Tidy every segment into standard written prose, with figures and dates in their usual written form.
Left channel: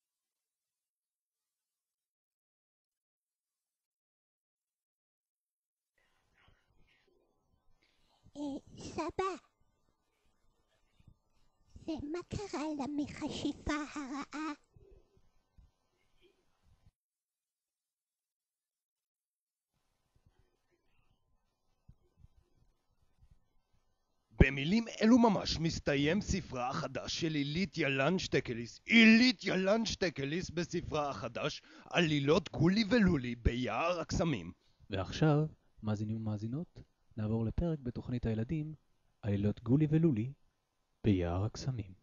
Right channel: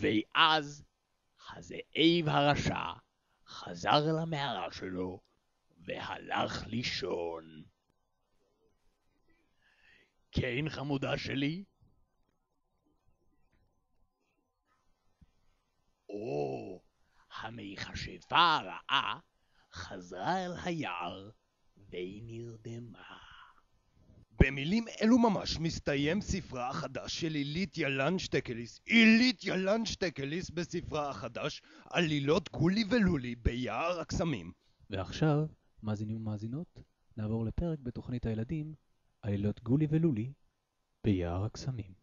ואז הזאב הרשע חזר למערה שלו והלך לישון. סבא, כן, חמודה שלי? ומה קרה למכשפה הרעה? המכשפה הרעה חזרה אל היער והיא נרדמה. במילים אלו ממש מסתיים ספרה החדש של עילית ילן שטקליס בספרה החדש עלילות גולי ולולי ביער הקסמים. ועכשיו, מאזינים ומאזינות, נעבור לפרק בתוכנית הילדים עלילות גולי ולולי ביער הקסמים.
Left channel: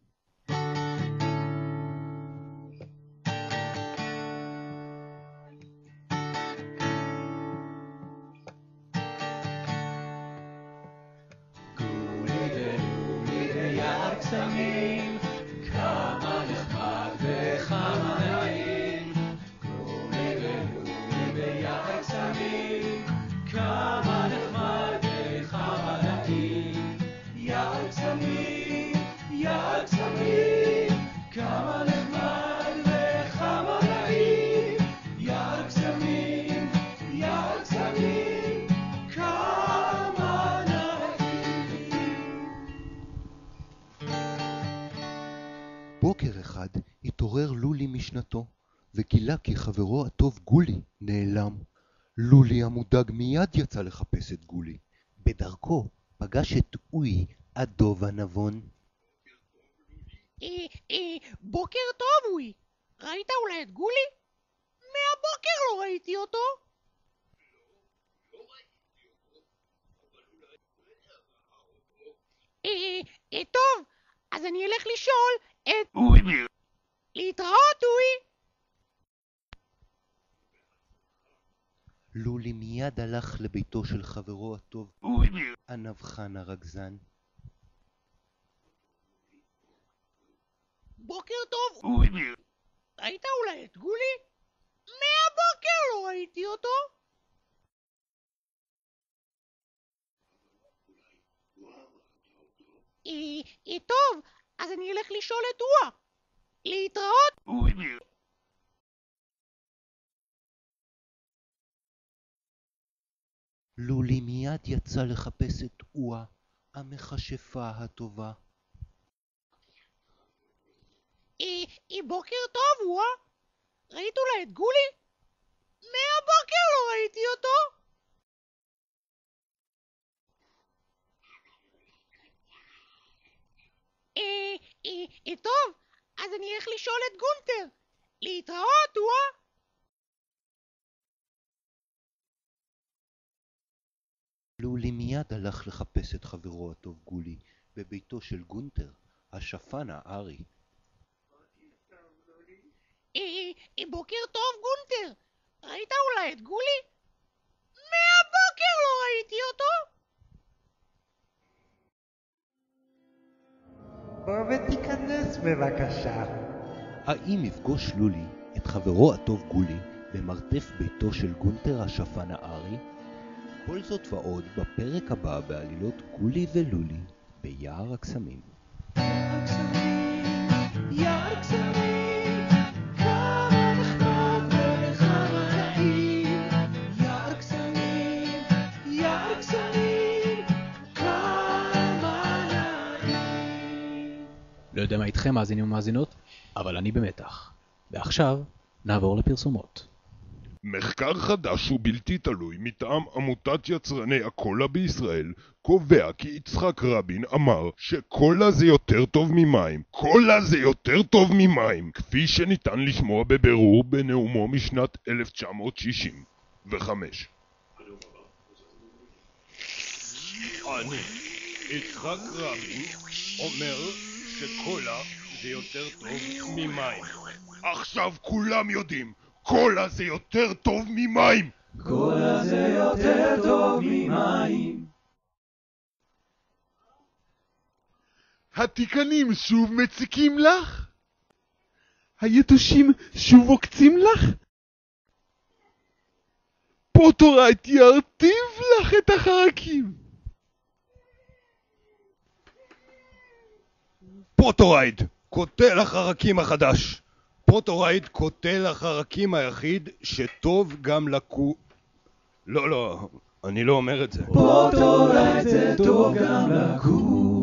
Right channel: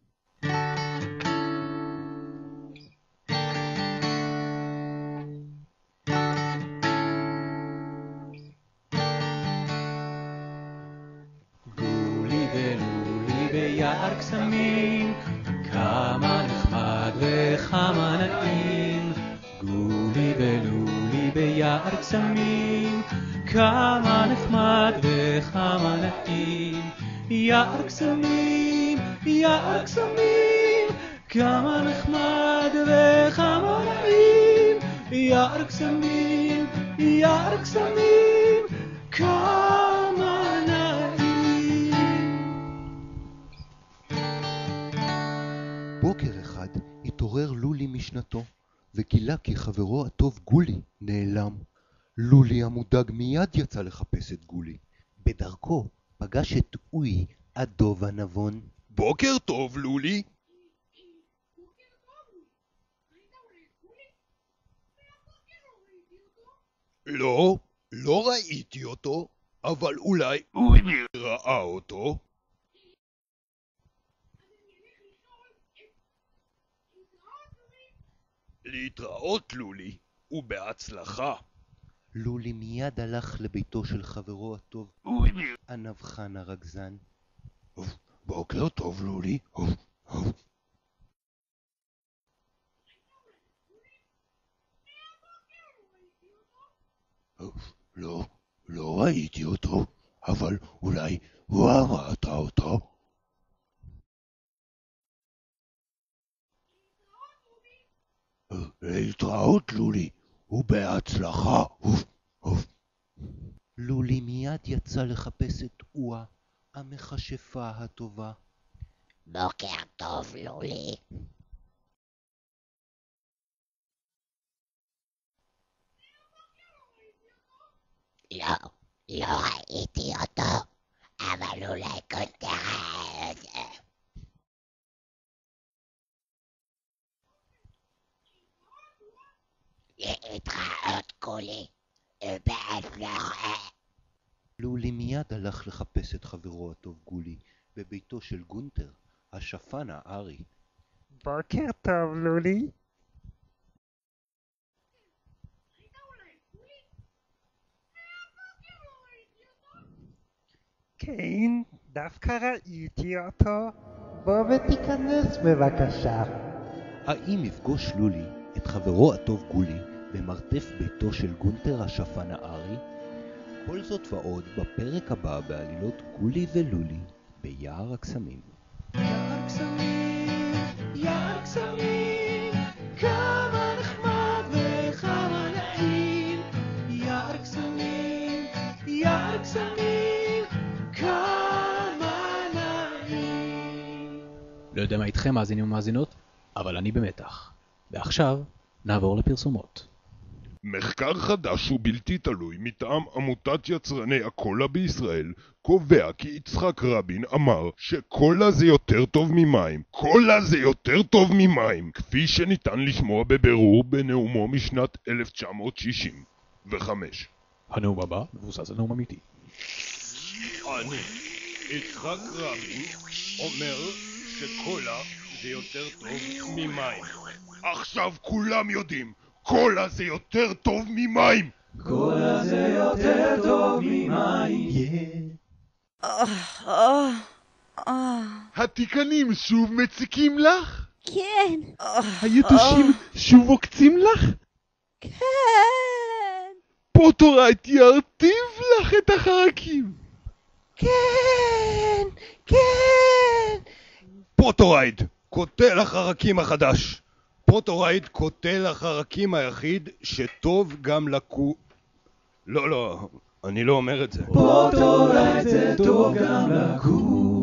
הקסמים, כמה נחמד וכמה נעים. גולי ולולי ביער הקסמים, כמה נחמד וכמה נעים. יער הקסמים, יער הקסמים, כמה נחמד וכמה נעים. יער הקסמים, יער הקסמים, כמה נעים. בוקר אחד התעורר לולי משנתו, וגילה כי חברו הטוב גולי נעלם. לולי המודאג מיד יצא לחפש את גולי. בדרכו פגש את אוי, הדוב הנבון. בוקר טוב, לולי. בוקר טוב, אוי. ראית אולי את גולי? מהבוקר לא ראיתי אותו. לא ראיתי אותו, אבל אולי אוי ראה אותו. טוב, אז אני אלך לשאול את אוי. להתראות, אוי. להתראות, לולי, ובהצלחה. לולי מיד הלך לביתו של חברו הטוב, הנבחן הרגזן. בוקר טוב, לולי. בוקר טוב. ראית אולי את גולי? מהבוקר לא ראיתי אותו. לא ראיתי אותו, אבל אולי הוא ראית אותו. טוב, אז אני אלך לשאול את אוה. להתראות. להתראות, לולי, ובהצלחה. לולי מיד יצא לחפש את אוה, המכשפה הטובה. בוקר טוב, לולי. בוקר טוב, אוה. ראית אולי את גולי? מהבוקר לא ראיתי אותו. לא ראיתי אותו, אבל אולי גונטר ראה את זה. טוב, אז אני אלך לשאול את גונטר. להתראות, אוה. להתראות, גולי, ובהצלחה. לולי מיד הלך לחפש את חברו הטוב גולי בביתו של גונטר, השפן הארי. בוקר טוב, לולי. בוקר טוב, גונטר. ראית אולי את גולי? מהבוקר לא ראיתי אותו. כן, דווקא ראיתי אותו. בוא ותיכנס בבקשה. האם יפגוש לולי את חברו הטוב גולי במרתף ביתו של גונטר השפן הארי? כל זאת ועוד בפרק הבא בעלילות גולי ולולי ביער הקסמים. יער הקסמים, יער הקסמים, כמה נחמד וכמה נעים. יער הקסמים, יער הקסמים, כמה נעים. לא יודע מה איתכם, מאזינים ומאזינות, אבל אני במתח. ועכשיו נעבור לפרסומות. מחקר חדש ובלתי תלוי מטעם עמותת יצרני הקולה בישראל קובע כי יצחק רבין אמר שקולה זה יותר טוב ממים. קולה זה יותר טוב ממים, כפי שניתן לשמוע בבירור בנאומו משנת 1965. הנאום הבא מבוסס על נאום אמיתי. אני, יצחק רבין, אומר שקולה זה יותר טוב ממים. עכשיו כולם יודעים, קולה זה יותר טוב ממים. קולה זה יותר טוב ממים. התיקנים שוב מציקים לך? כן. היתושים שוב עוקצים לך? כן. פוטורייט ירטיב לך את החרקים. כן. כן. פוטורייט, קוטל החרקים החדש. הפוטורייט קוטל החרקים היחיד שטוב גם לא, אני לא אומר את זה. פוטורייט זה טוב גם לקום.